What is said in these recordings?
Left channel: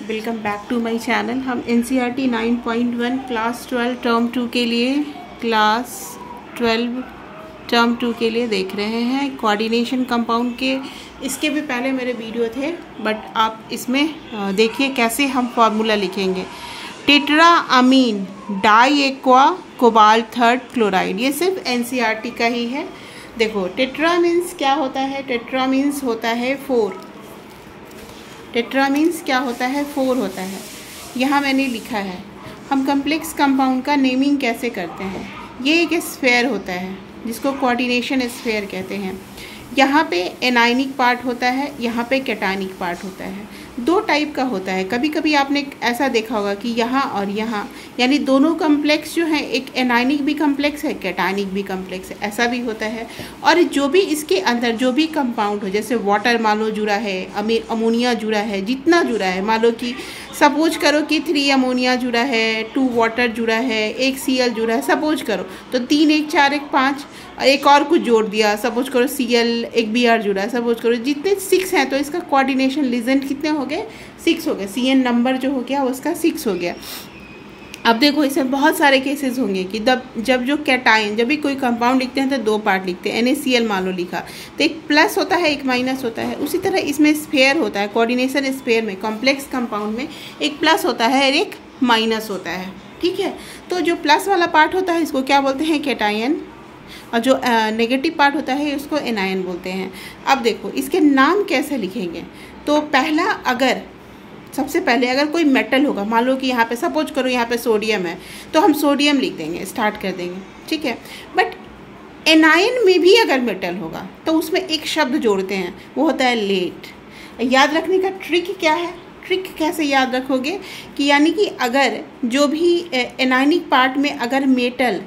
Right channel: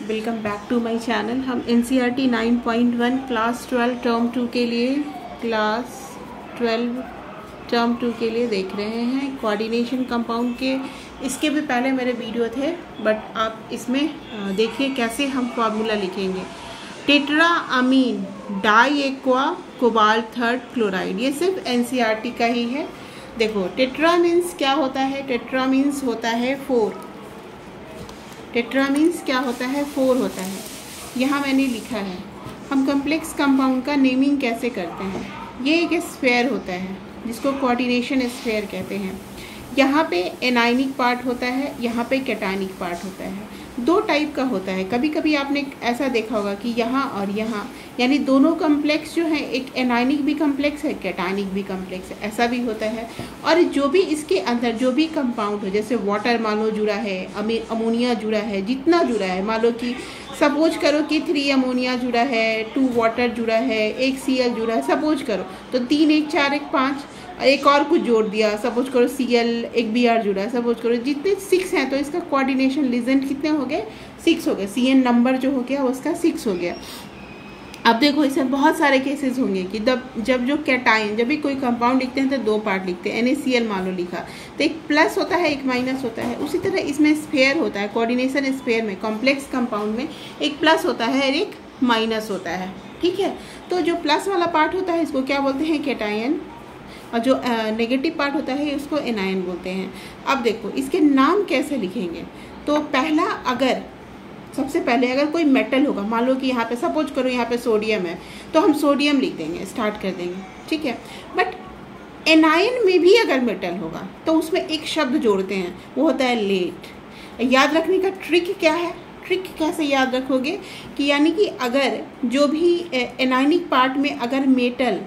Welcome back to my channel. हम NCERT 9.1 class 12 term 2 के लिए देख रहे हैं कोऑर्डिनेशन कंपाउंड के। इसके भी पहले मेरे वीडियो थे, बट आप इसमें देखिए कैसे हम फार्मूला लिखेंगे। Tetra amine di aqua cobalt third chloride, ये सिर्फ NCERT का ही है। देखो टेट्रा मीन्स क्या होता है, टेट्रा मीन्स होता है 4। टेट्रा मीन्स क्या होता है, 4 होता है। यहाँ मैंने लिखा है। हम कम्प्लेक्स कंपाउंड का नेमिंग कैसे करते हैं। ये एक स्फेयर होता है जिसको कोऑर्डिनेशन स्फेयर कहते हैं। यहाँ पे एनायनिक पार्ट होता है, यहाँ पे कैटायनिक पार्ट होता है। दो टाइप का होता है। कभी कभी आपने ऐसा देखा होगा कि यहाँ और यहाँ, यानी दोनों कम्प्लेक्स जो है, एक एनायनिक भी कम्प्लेक्स है, कैटायनिक भी कम्प्लेक्स है, ऐसा भी होता है। और जो भी इसके अंदर जो भी कंपाउंड हो, जैसे वाटर मान लो जुड़ा है, अमोनिया जुड़ा है, जितना जुड़ा है, मान लो कि सपोज करो कि 3 अमोनिया जुड़ा है, 2 वाटर जुड़ा है, 1 Cl जुड़ा है, सपोज करो तो 3 1 4 1 5, एक और कुछ जोड़ दिया, सपोज करो Cl, एक Br जुड़ा है, सपोज करो जितने 6 हैं, तो इसका कोऑर्डिनेशन लीजेंट कितने हो गए, 6 हो गए। Cn नंबर जो हो गया उसका 6 हो गया। अब देखो इसमें बहुत सारे केसेस होंगे कि जब जो कैटायन, जब भी कोई कंपाउंड लिखते हैं तो 2 पार्ट लिखते हैं। NaCl मान लो लिखा तो एक प्लस होता है, एक माइनस होता है। उसी तरह इसमें स्फेयर होता है, कोऑर्डिनेशन स्फेयर में, कॉम्प्लेक्स कंपाउंड में एक प्लस होता है और एक माइनस होता है। ठीक है, तो जो प्लस वाला पार्ट होता है इसको क्या बोलते हैं, कैटायन, और जो नेगेटिव पार्ट होता है उसको एनायन बोलते हैं। अब देखो इसके नाम कैसे लिखेंगे। तो पहला, अगर सबसे पहले अगर कोई मेटल होगा, मान लो कि यहाँ पे सपोज करो यहाँ पे सोडियम है, तो हम सोडियम लिख देंगे, स्टार्ट कर देंगे। ठीक है, बट एनायन में भी अगर मेटल होगा तो उसमें एक शब्द जोड़ते हैं, वो होता है लेट। याद रखने का ट्रिक क्या है, ट्रिक कैसे याद रखोगे कि यानी कि अगर जो भी एनायनिक पार्ट में अगर मेटल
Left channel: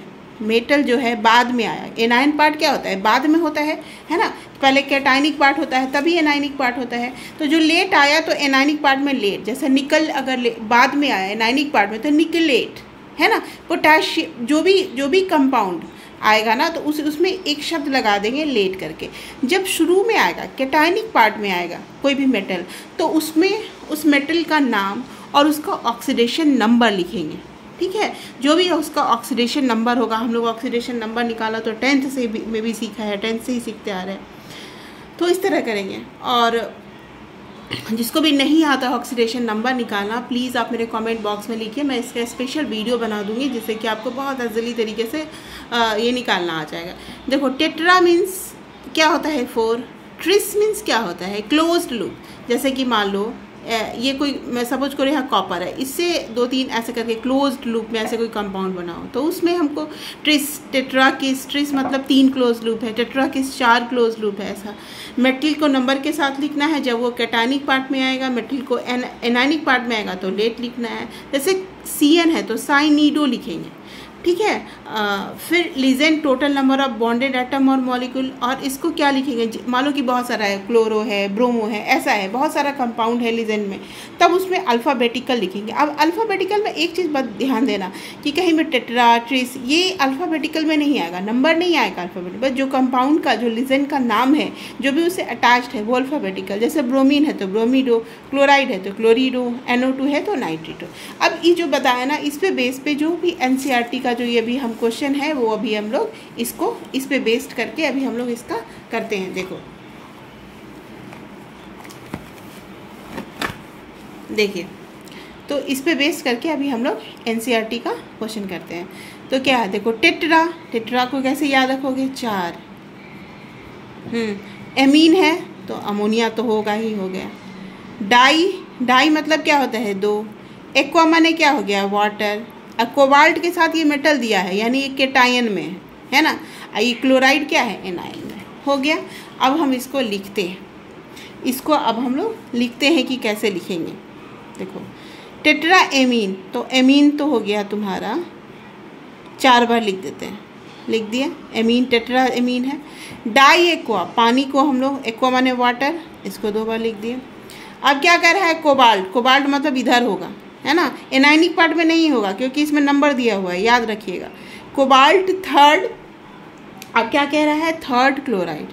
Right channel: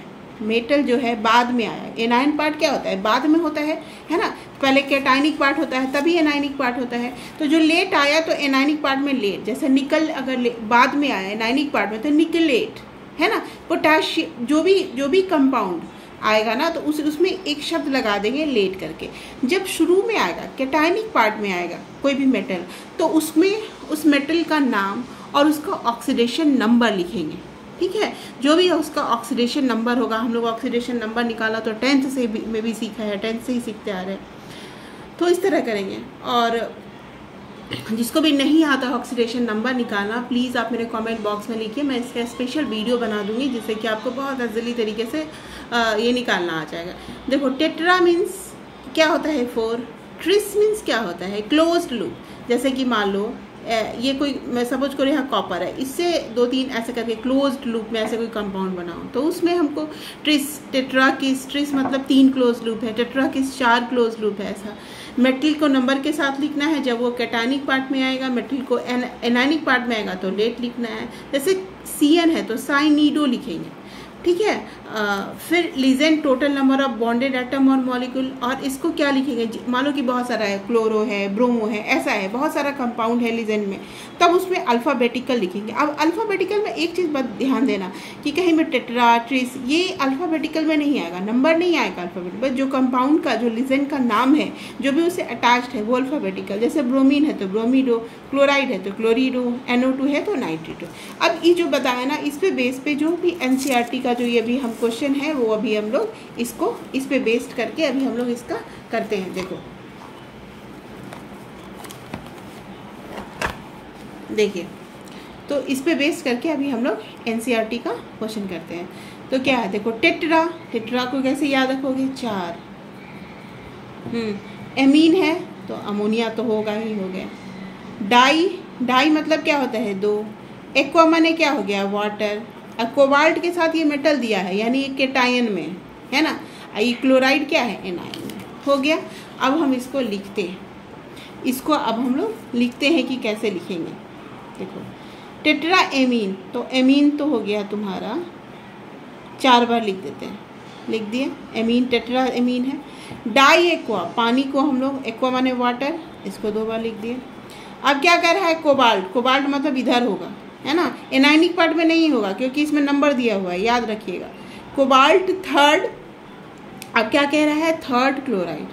जो है बाद में आया, एनायन पार्ट क्या होता है, बाद में होता है ना। पहले कैटायनिक पार्ट होता है तभी एनायनिक पार्ट होता है। तो जो लेट आया तो एनायनिक पार्ट में लेट, जैसे निकल अगर बाद में आया एनायनिक पार्ट में तो निकलेट है ना। पोटाशियम जो भी कंपाउंड आएगा ना तो उसमें एक शब्द लगा देंगे लेट करके। जब शुरू में आएगा, कैटायनिक पार्ट में आएगा कोई भी मेटल, तो उसमें उस मेटल का नाम और उसका ऑक्सीडेशन नंबर लिखेंगे। ठीक है, जो भी उसका ऑक्सीडेशन नंबर होगा, हम लोग ऑक्सीडेशन नंबर निकाला तो 10th से में भी सीखा है, 10th से ही सीखते आ रहे हैं, तो इस तरह करेंगे। और जिसको भी नहीं आता ऑक्सीडेशन नंबर निकालना, प्लीज़ आप मेरे कमेंट बॉक्स में लिखिए, मैं इसका स्पेशल वीडियो बना दूंगी जिससे कि आपको बहुत जल्दी तरीके से ये निकालना आ जाएगा। देखो टेट्रा मीन्स क्या होता है 4, ट्रिस मीन्स क्या होता है क्लोज्ड लूप। जैसे कि मान लो ये कोई, मैं सपोज करो यहाँ कॉपर है, इससे 2-3 ऐसे करके क्लोज्ड लूप में ऐसे कोई कंपाउंड बनाओ तो उसमें हमको टेट्राकिस, ट्रिस मतलब 3 क्लोज लूप है, टेट्राकिस 4 क्लोज लूप है। ऐसा मेटल को नंबर के साथ लिखना है, जब वो कैटायनिक पार्ट में आएगा, मेटल को एनायनिक पार्ट में आएगा तो लेट लिखना है। जैसे Cn है तो साइनिडो लिखेंगे। ठीक है, फिर legend total number of bonded atom और मॉलिक्यूल, और इसको क्या लिखेंगे, मान लो कि बहुत सारा है, क्लोरो है, ब्रोमो है, ऐसा है, बहुत सारा कंपाउंड है लीजेंट में, तब उसमें अल्फ़ाबेटिकल लिखेंगे। अब अल्फ़ाबेटिकल में एक चीज़ बस ध्यान देना कि कहीं में टेट्रा, ट्रिस, ये अल्फ़ाबेटिकल में नहीं आएगा, नंबर नहीं आएगा अल्फ़ाबेटिकल, बस जो कंपाउंड का, जो लीजेंट का नाम है, जो भी उससे अटैच्ड है वो अल्फ़ाबेटिकल। जैसे ब्रोमीन है तो ब्रोमीडो, क्लोराइड है तो क्लोरीडो, NO2 है तो नाइट्रेटो। अब ये जो बताया ना, इस पे बेस पे जो भी NCERT का जो ये भी हम क्वेश्चन है वो अभी हम लोग इसको इस पे बेस्ड करके अभी हम लोग इसका करते हैं। देखो देखिए, तो इस पे बेस्ड करके अभी हम लोग NCERT का क्वेश्चन करते हैं। तो क्या है, देखो टेट्रा को कैसे याद रखोगे, 4। एमीन है तो अमोनिया तो होगा ही, हो गया। डाई मतलब क्या होता है, 2। एक्वा माने क्या हो गया, वाटर। कोबाल्ट के साथ ये मेटल दिया है यानी ये कैटायन में है ना, ये क्लोराइड क्या है, एनायन में, हो गया। अब हम इसको लिखते हैं, इसको अब हम लोग लिखते हैं कि कैसे लिखेंगे। देखो टेट्रा एमीन, तो एमीन तो हो गया तुम्हारा, 4 बार लिख देते हैं, लिख दिया एमीन, टेट्रा एमीन है। डाई एक्वा, पानी को हम लोग, एक्वा माने वाटर, इसको 2 बार लिख दिए। अब क्या कर रहा है, कोबाल्ट मतलब इधर होगा है ना, एनायनिक पार्ट में नहीं होगा क्योंकि इसमें नंबर दिया हुआ है, याद रखिएगा। कोबाल्ट 3rd, अब क्या कह रहा है, 3rd क्लोराइड,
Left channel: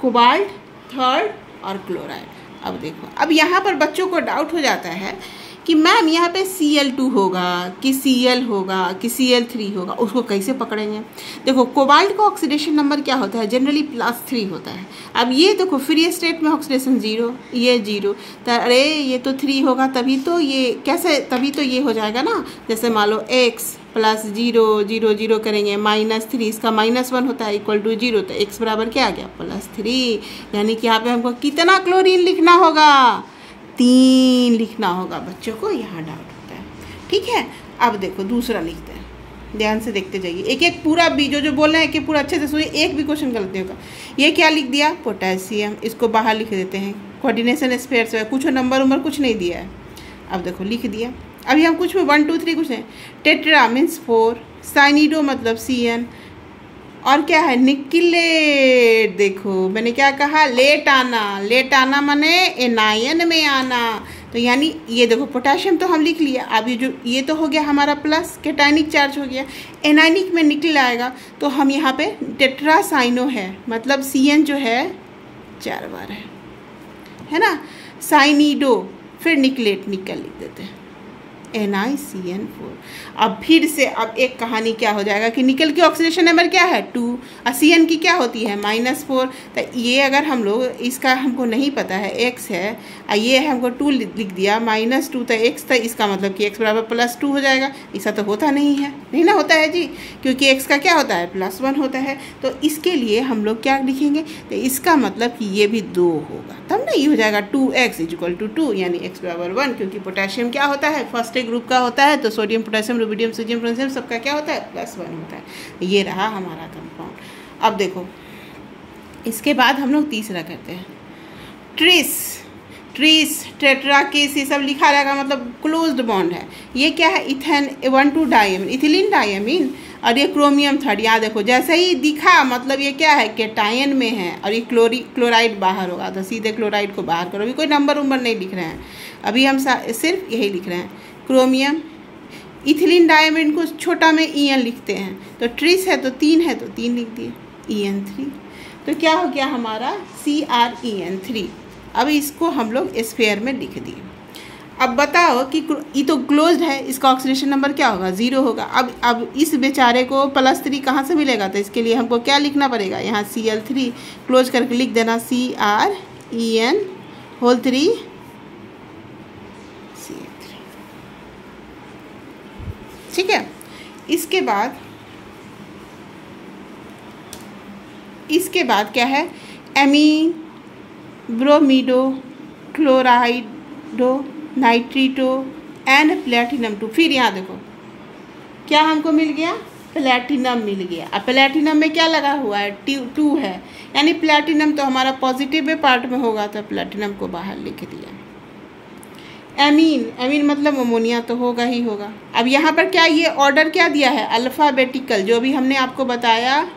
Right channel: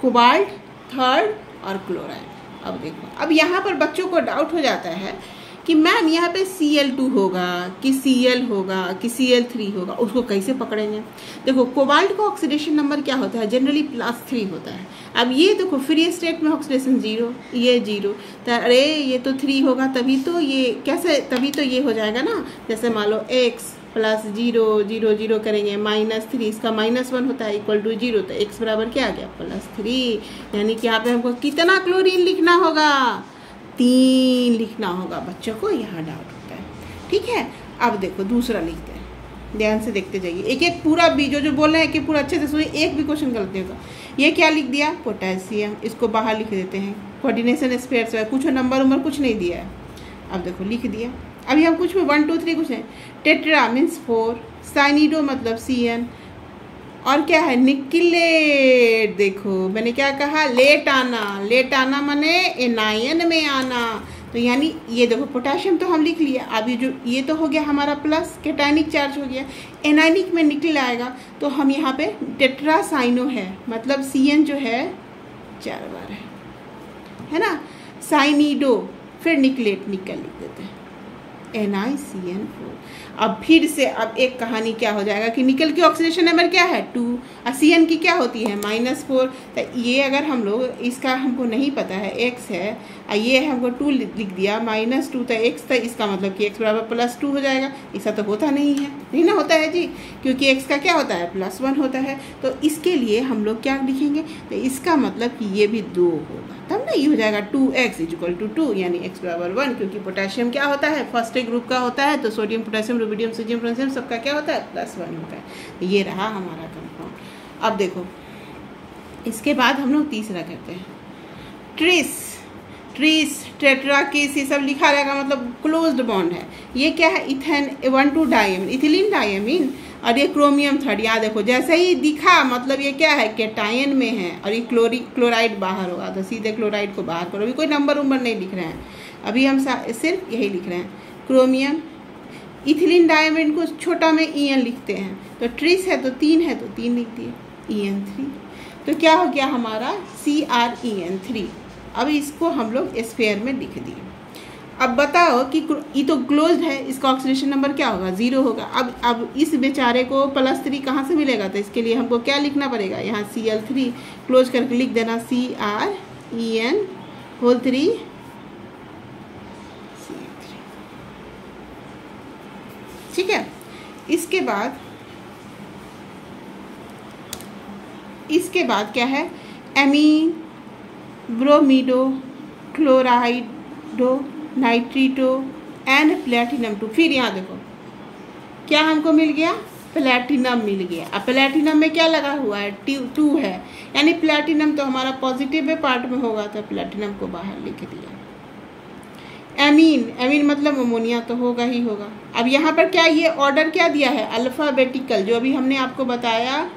कोबाल्ट 3rd और क्लोराइड। अब देखो, अब यहाँ पर बच्चों को डाउट हो जाता है कि मैम यहाँ पे Cl2 होगा कि Cl होगा कि Cl3 होगा, उसको कैसे पकड़ेंगे। देखो कोबाल्ट का ऑक्सीडेशन नंबर क्या होता है, जनरली +3 होता है। अब ये देखो फ्री स्टेट में ऑक्सीडेशन 0, ये 0, तो अरे ये तो 3 होगा, तभी तो ये कैसे, तभी तो ये हो जाएगा ना। जैसे मान लो x +0 0 0 करेंगे -3, इसका -1 होता है = 0, तो x बराबर क्या आ गया +3। यानी कि यहाँ पे हमको कितना क्लोरीन लिखना होगा, 3 लिखना होगा। बच्चों को यहाँ डाउट होता है, ठीक है। अब देखो दूसरा लिखते हैं, ध्यान से देखते जाइए, एक एक पूरा भी जो बोल रहे हैं कि पूरा अच्छे से सुनिए, एक भी क्वेश्चन गलत नहीं होगा। ये क्या लिख दिया, पोटेशियम, इसको बाहर लिख देते हैं, कोऑर्डिनेशन स्पेयर से कुछ नंबर कुछ नहीं दिया है। अब देखो लिख दिया। अभी हम कुछ 1 2 3 कुछ है, टेट्रा मीन्स 4, साइनिडो मतलब Cn, और क्या है निकलेट। देखो मैंने क्या कहा, लेट आना माने एनायन में आना, तो यानी ये देखो पोटेशियम तो हम लिख लिया। अब ये जो ये तो हो गया हमारा प्लस, कैटायनिक चार्ज हो गया, एनायनिक में निकल आएगा, तो हम यहाँ पे टेट्रासाइनो है, मतलब Cn जो है 4 बार है ना। साइनिडो, फिर निकलेट, निकल लिख देते हैं NiCN4। अब फिर से अब एक कहानी क्या हो जाएगा कि निकल की ऑक्सीडेशन नंबर क्या है 2, और Cn की क्या होती है -4। तो ये अगर हम लोग इसका हमको नहीं पता है, x है और ये हमको 2 लिख दिया -2, तो x, तो इसका मतलब कि x बराबर +2 हो जाएगा। ऐसा तो होता नहीं है, नहीं ना होता है जी, क्योंकि x का क्या होता है +1 होता है। तो इसके लिए हम लोग क्या लिखेंगे, तो इसका मतलब कि ये भी 2 होगा, तब ना ये हो जाएगा 2x = 2, यानी x बराबर 1, क्योंकि पोटेशियम क्या होता है फर्स्ट ग्रुप का होता है, तो sodium potassium rubidium sodium potassium सबका क्या होता है +1 होता है। ये रहा हमारा कंपाउंड। अब देखो इसके बाद हम लोग तीसरा करते हैं, ट्रिस टेट्रा केस, ये सब लिखा रहेगा, मतलब क्लोज्ड बॉन्ड है। ये क्या है, इथेन 1,2 डायमीन, इथिलीन डायमीन, और ये क्रोमियम 3। यहाँ देखो जैसे ही दिखा मतलब ये क्या है कैटायन में है, और ये क्लोराइड बाहर होगा, तो सीधे क्लोराइड को बाहर करो। अभी कोई नंबर नहीं लिख रहे हैं, अभी हम सिर्फ यही लिख रहे हैं क्रोमियम। इथिलीन डायमीन को छोटा में En लिखते हैं, तो ट्रिस है तो 3 है तो 3 लिख दिए En3, तो क्या हो गया हमारा CrEn3। अब इसको हम लोग स्फेयर में लिख दिए। अब बताओ कि ये तो क्लोज्ड है, इसका ऑक्सीडेशन नंबर क्या होगा 0 होगा। अब इस बेचारे को +3 कहाँ से मिलेगा, तो इसके लिए हमको क्या लिखना पड़ेगा, यहाँ Cl3 क्लोज करके लिख देना CrEn3 ठीक है। इसके बाद क्या है, amine, bromido, chlorido, nitrito and platinum 2। फिर यहाँ देखो क्या हमको मिल गया, प्लेटिनम मिल गया। अब प्लेटिनम में क्या लगा हुआ है 2 है, यानी प्लेटिनम तो हमारा पॉजिटिव में पार्ट में होगा, तो प्लेटिनम को बाहर लिख दिया। एमीन मतलब अमोनिया तो होगा ही होगा। अब यहाँ पर क्या ये ऑर्डर क्या दिया है अल्फ़ाबेटिकल, जो भी हमने आपको बताया